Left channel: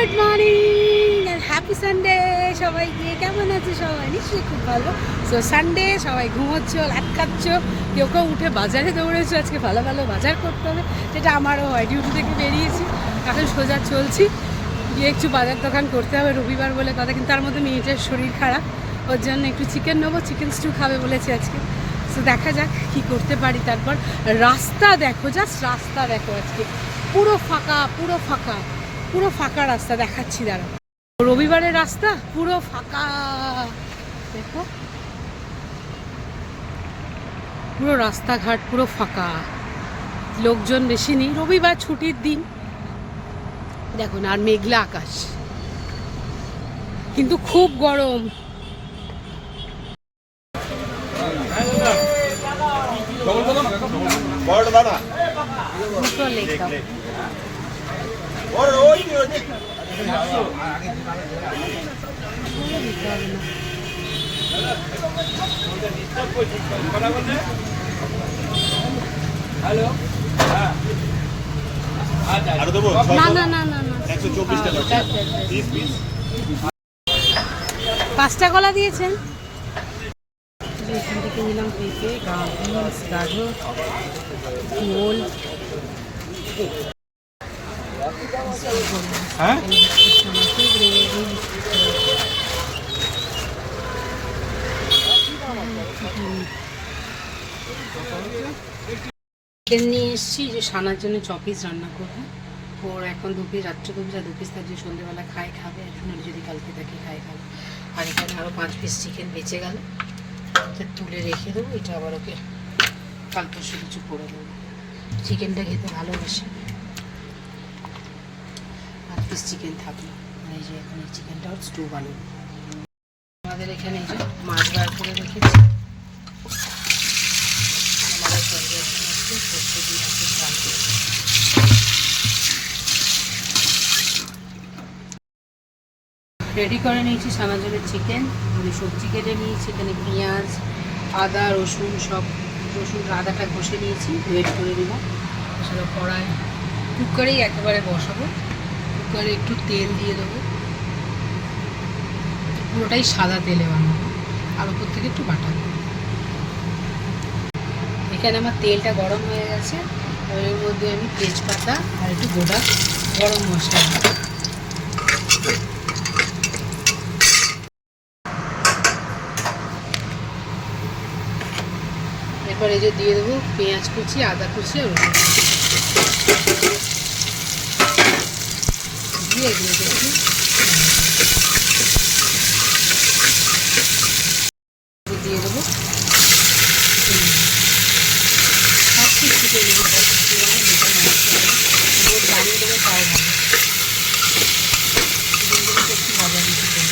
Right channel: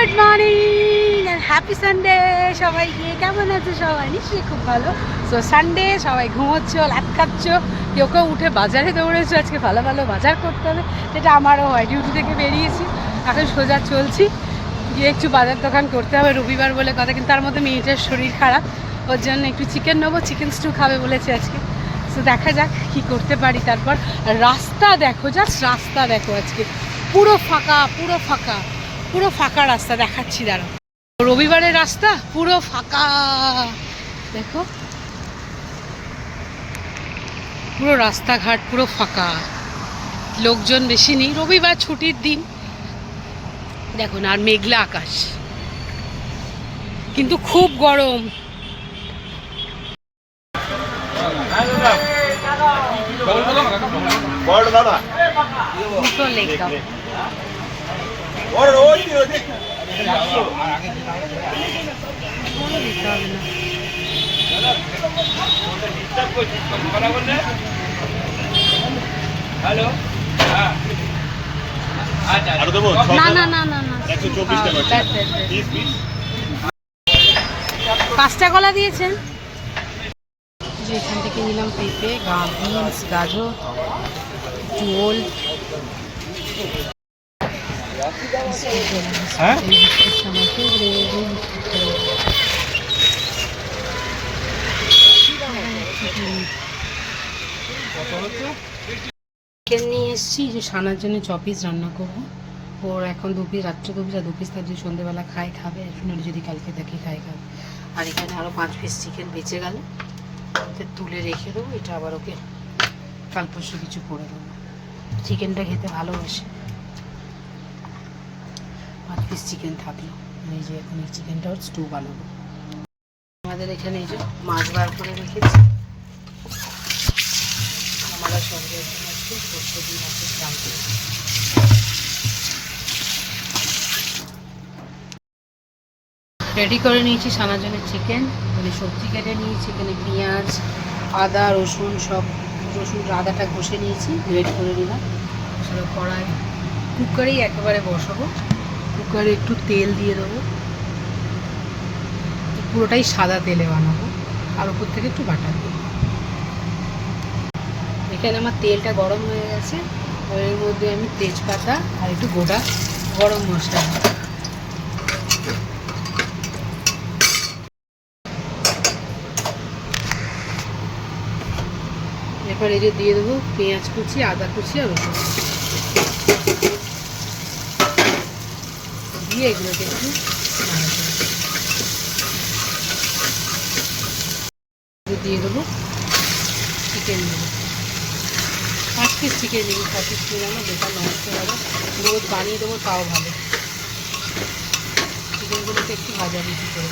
Good morning আর happy Sunday সবাইকে। কেমন আছে সবাই? নিশ্চয়ই খুব ভালো। সো সানডে, সবাই ঘুমোচ্ছ, লাট খাচ্ছ, কেউ কেউ উঠে বাজারে দৌড়েছো। আজকে ভালো ভালো বাজার করতে হবে, যেটা আমারও হয়। ডিউটি থেকে বেরিয়েছি, এখন সোজা চলছি, গিয়ে একটু বাজার দোকান করতে হবে। রবিবার বলে কথা, কিন্তু তার মধ্যে মেয়েটার শরীর খারাপ, ওর জন্য একটু চিকেন নেবো। চিকেন স্টু খাবে বলেছে আজকে। তো দেখা যাক কী করতে পারি। তারপর রাস্তা দেখো, জাস্ট রাস্তা দেখো, আজকে পুরো ফাঁকা, পুরো ফাঁকা, পুরো ফাঁকা রাস্তা দেখাচ্ছি, দাঁড়াও। রবিবারের রাস্তা পুরো ফাঁকা দেখো, পুরো রাস্তাঘাট পুরো ফাঁকা, লোকজন বেশি নেই, রবিবার ছুটির দিন। দেখুন, আর মেঘলা আকাশ, কিন্তু খুব গরম। না না না না, 5টা কলা দিয়েছেন। যে এখান থেকে নিলাম পেঁপে, বিনস, গাজর, ওল, চিকেন নিয়ে এসেছি যে সানার জন্য চপিস রান্না করবো। ওর এখন 2 পিস, রাত্রে 2 পিস, আর 2 পিস তার যদি সন্ধ্যেবেলা খাবে, এখন যদি কালকে থাকি খাবে। আর এখানে আরও 5 পিস চিকেন বেঁচে গেল, তুলে রেখে দেবো। এটা আবার ওকে কাল পরশু কিছু করে দেবো। চিকেনটা খেতে ভালোবাসে। 5 পিস চিকেন থাকলো। এই যে এখন এই চিকেনটা ওর স্টু বানাবো। আমাদের এখানে এই যে মাছ বার করে রেখেছি, আমরা সরকার আসছে, সর্ষে দিয়ে মাছের ঝাল করে রেডি করে নিয়েছি সানার জন্য চিকেন। মানে সবজি কেটে নিয়েছি, এখানে পেঁয়াজ, আদা, রসুন, সব আদাটা ঘষে নিয়েছি, রেড করে নিলাম। সেটা কড়াই, কুকারেই একেবারে বসাবো। কুকারে একটু তেল দিয়ে দেবো, পুরোটাই সাদা তেলে বানাবো, আর উপর থেকে একটু বাটা দেবো। এখানে আমার তেলটা গরম হয়ে গেছে, এর মধ্যে আমি তেজপাতা আর একটু গোটা গরম মশলা দিই। এরপর এই যে দিয়ে দেবো পেঁয়াজ কুচি, আদা কুচি আর রসুন, দিয়ে এগুলোকে একটু দিয়ে দেবো চিকেন নিয়ে। 5 পিস চিকেন নিয়ে 5 পিস বানিয়ে বেকার নষ্ট হবে, রোজ বানিয়ে দেবো তাও ভালো। চিকেনগুলোকে একটু ভাজাভাজি করে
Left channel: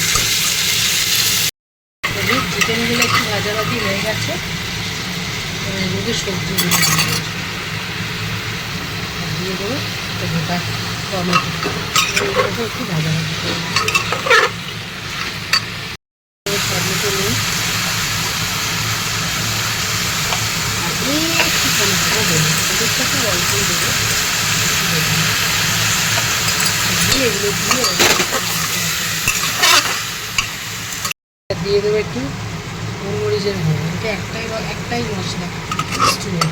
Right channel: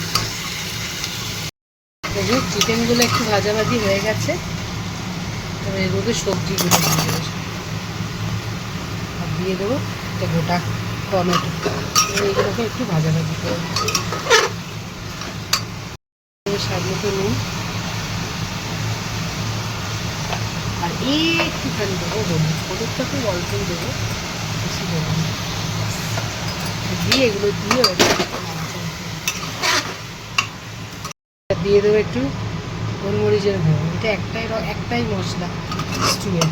দেবো। চিকেনগুলো একটু ভাজাভাজি হয়ে গেছে, এবার এর মধ্যে সবজিগুলো দিয়ে দেবো। একটা গোটা টমেটো, এগুলোকে একটু ভাজাভাজি করে দেবো। স্বাদ মতো নুন আর একটুখানি দেবো হলুদ। হলুদটা খুব অল্পই দেবো, বেশি দেবো না। দিয়ে এগুলো দিয়ে দেবো একটু গোলমরিচের গুঁড়ো। এটা একটাই মশলা স্টুয়ে।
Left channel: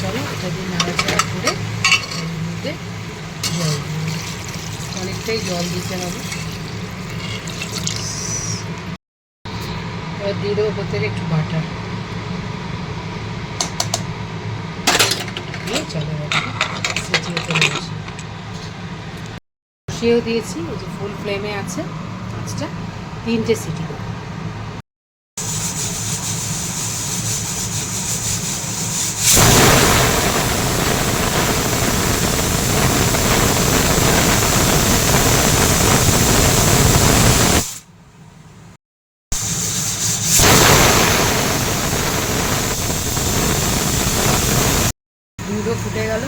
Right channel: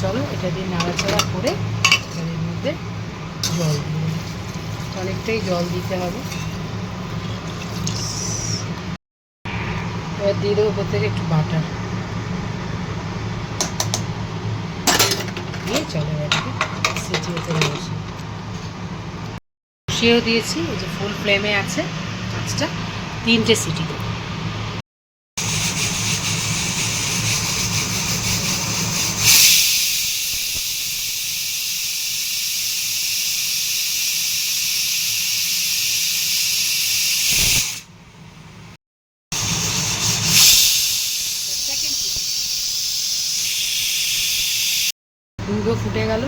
চলো এটা দিয়ে নাড়াচাড়া করে এর মধ্যে জল দিয়ে, অনেকটাই জল দিতে হবে। এবার দিয়ে দেবো ওপর থেকে একটু বাটার দিয়ে, চলো এটাকে সিটি হতে বসিয়েও দিয়েছি। এই যে ফুল ফ্লেমে আছে, আঁচটা 3টে সিটি দেবো। দুধও ফুটে গেল।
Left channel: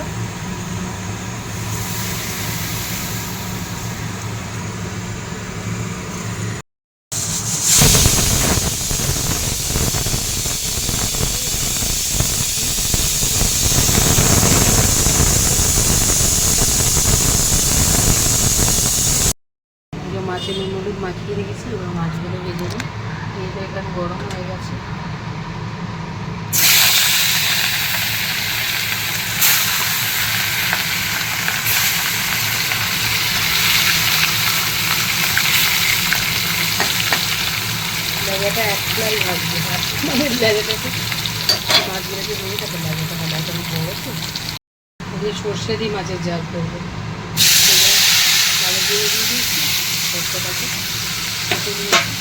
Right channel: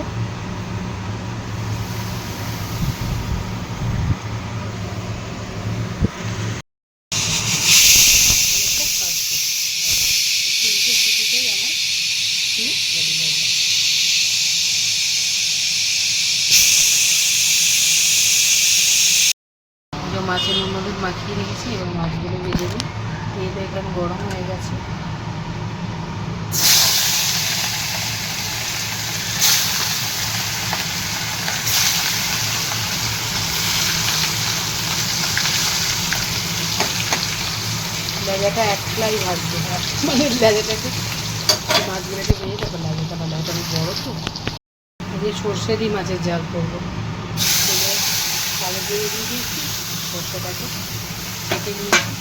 মাছের নুন হলুদ মাখিয়ে রেখেছি, এবার মাছগুলো ভেজে নিই। তেলটা এখানে গরম হয়ে গেছে। লেজাটা একলাই ভাজবে, মানে লেজাটাকে মাছগুলোকে ভেজে তারপর লেজাটা লেজাটা আমি বড়ো তো দিয়ে সর্ষে দিয়ে মাছের ঝাল করবো। কালো দিয়ে দিয়ে দিয়েছি, সর্ষেটাকে কেটে নিয়েছি।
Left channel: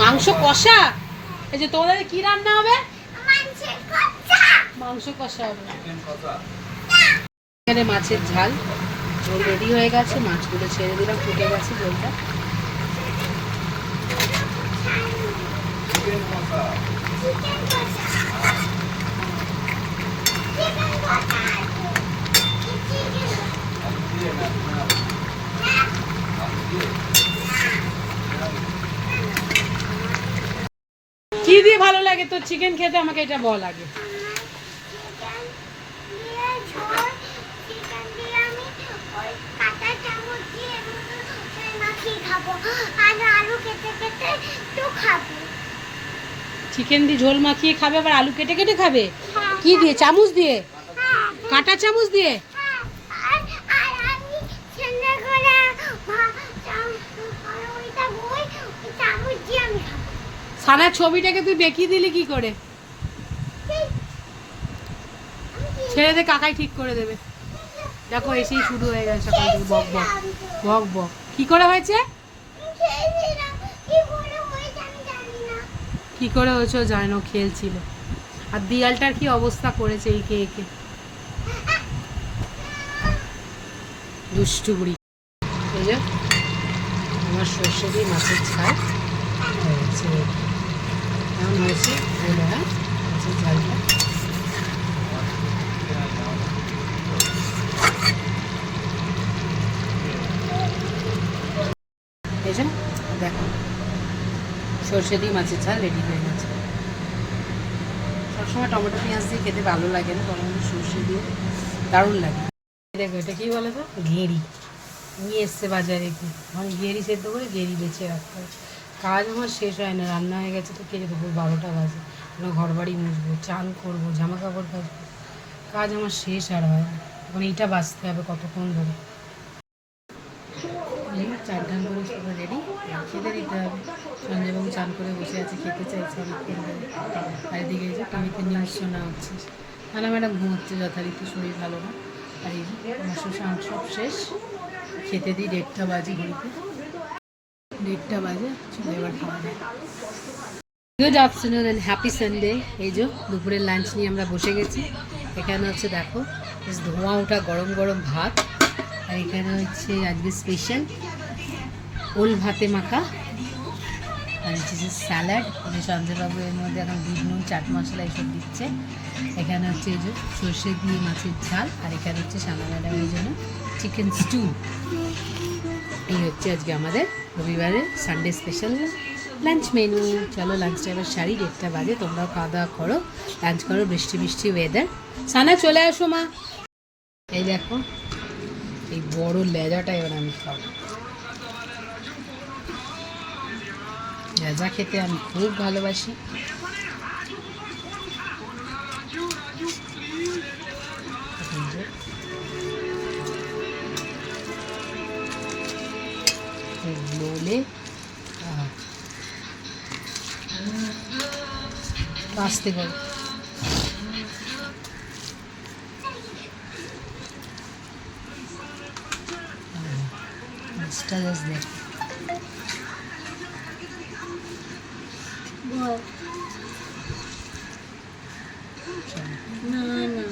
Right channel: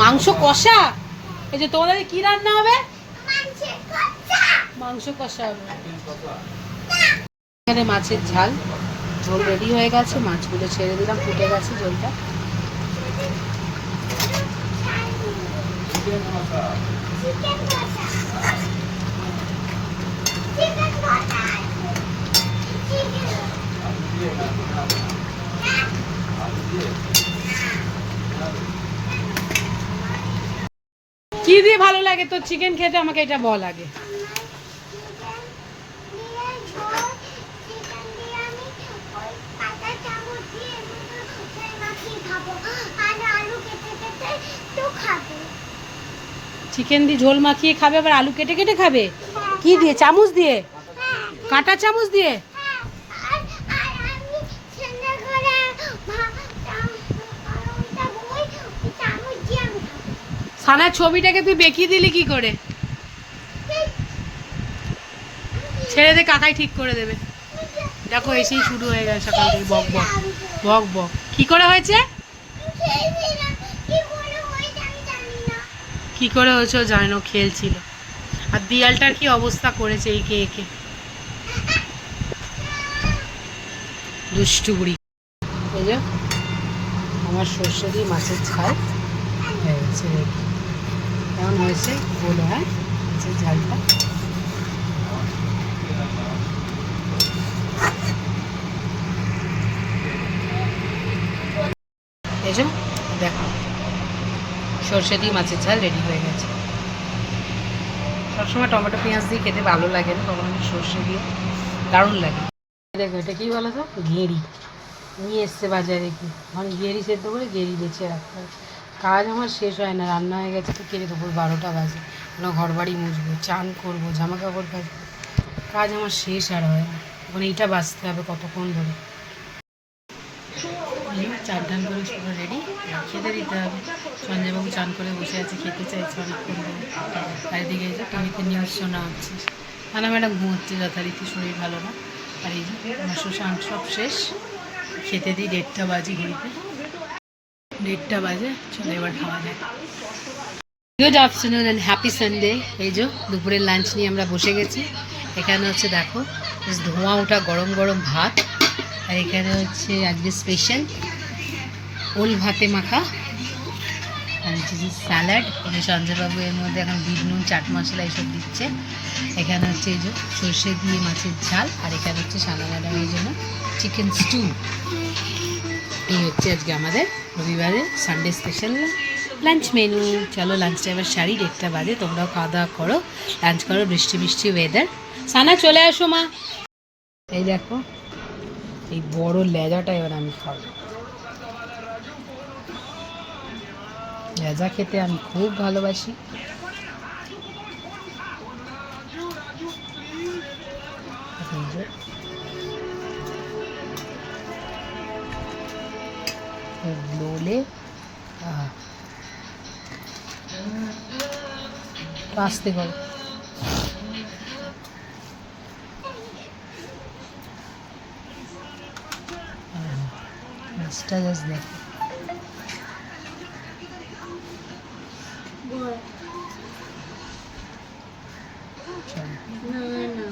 মাংস কষা, এই যে তোমাদের কি রান্না হবে? মাংস কষা হবে। এখানে মাছের ঝাল ঝোল রেডি হয়ে গেছে, মাছগুলো ছেড়ে দিলাম, ফুটে গেছে ঝোলটা। কি দিয়ে ভালো লাগে তোর চিকেন খেতে, আমাকে এটা বল আগে। চিকেন দিয়ে ঝোল মাখিয়ে খাবে, আবার আলু কেটে কেটে খাবে? কি দিয়ে, চামচ দিয়ে? কাঁটা চামচ দিয়ে? সানার ছবিটাকে তুই বেঁকিয়ে দিলি কি করে? ছেড়ে দে, কাকাই ঠিক করে দেবে। দেখো এসেই শুরু হয়ে গেছে সকাল থেকে বক বক বক বক। কি করে হয়েছে, কি করে হয়েছে ও জানো, খেলছিল। আর দিয়ালটার কি অবস্থা করেছে একে একে, দুষ্টু বুড়ি। এই যে আমার সর্ষে দিয়ে মাছের ঝাল হয়ে গেছে, কেমন হয়েছে বলো? হ্যাঁ, মাছের ঝালটা এই যে দেখো, সর্ষে দিয়ে মাছের ঝাল রেডি হয়ে গেছে। সবসময় টমেটো পেঁয়াজ দিয়ে খেতে ভালো লাগে না, তখন আমি সর্ষে দিয়ে দারুণ লাগে। দেখো এটা কি বলো তো, ঘেঁড়ি নিয়ে এসছে বাজারে গিয়ে, মানে ঘেঁড়ি সেদ্ধ করে ঘেঁড়ি বেছে রাখতে হবে। কাজ আমার শেষ হয় না, রান্না হয়ে গেছে তো কেটে দেবো 12টা বাজে, ঘর বাড়ি মুছবো, চান করবো, জামা কাপড় কাচবো, কাজ আমার শেষ আর হয় না। এখন এইটা বাঁচতে হবে কতক্ষণ ধরে। চান টান করে পুরো রেডি, খেতে দিতে হবে। সঞ্জয়বাবু চান করে বসে আছে, খেতে চাইছে অনেকক্ষণ ধরে। আর এদিকে এই যে টিভিতে নিউজ শোনা হচ্ছে, খানা ম্যাডাম ঘুমোচ্ছে যথারীতি, শরীর ভালো না। আর এই যে আমার শ্মশান সব শেষ, খেতে দিই 1:30 বাজে, ঘড়িতে 1:30 বাজে। চলো এবার খাওয়া যায়। Good afternoon and happy Sunday. এই যে দুপুরের লাঞ্চ নিয়ে আমরা বসে গেছি। এখানে হচ্ছে দেখো ধোঁয়া ওঠা গরম গরম ভাত, আর এখানে হচ্ছে আজকে স্পেশাল ওল ভাতে মাখা, আর হচ্ছে যে স্যালাড। এই যে সঞ্জয়বাবু এর মধ্যে এখন বিট নুন চাট মশলা এইসব দিচ্ছে। এখানে হচ্ছে এই যে সর্ষে দিয়ে মাছের ঝাল, আর এখানে হচ্ছে সানা ম্যাডামের জন্য চিকেন স্টু। এই হচ্ছে আজকে আমাদের রবিবারের সানডে স্পেশাল লাঞ্চ মেনু। চলো লাঞ্চটা এবার সারি, 1:30 বাজে, তোমরাও খাওয়া দাওয়া করো, লাঞ্চ করো। বৃষ্টি বৃষ্টি ওয়েদার। সানা চলে আসো মা। এই দেখো এই বড় লেজাটা এবার আমি খাবো। লেজা খেতে আমি খুব ভালোবাসি। লোলে আসতে করো। মাছটা জাস্ট দেখ, চলো না না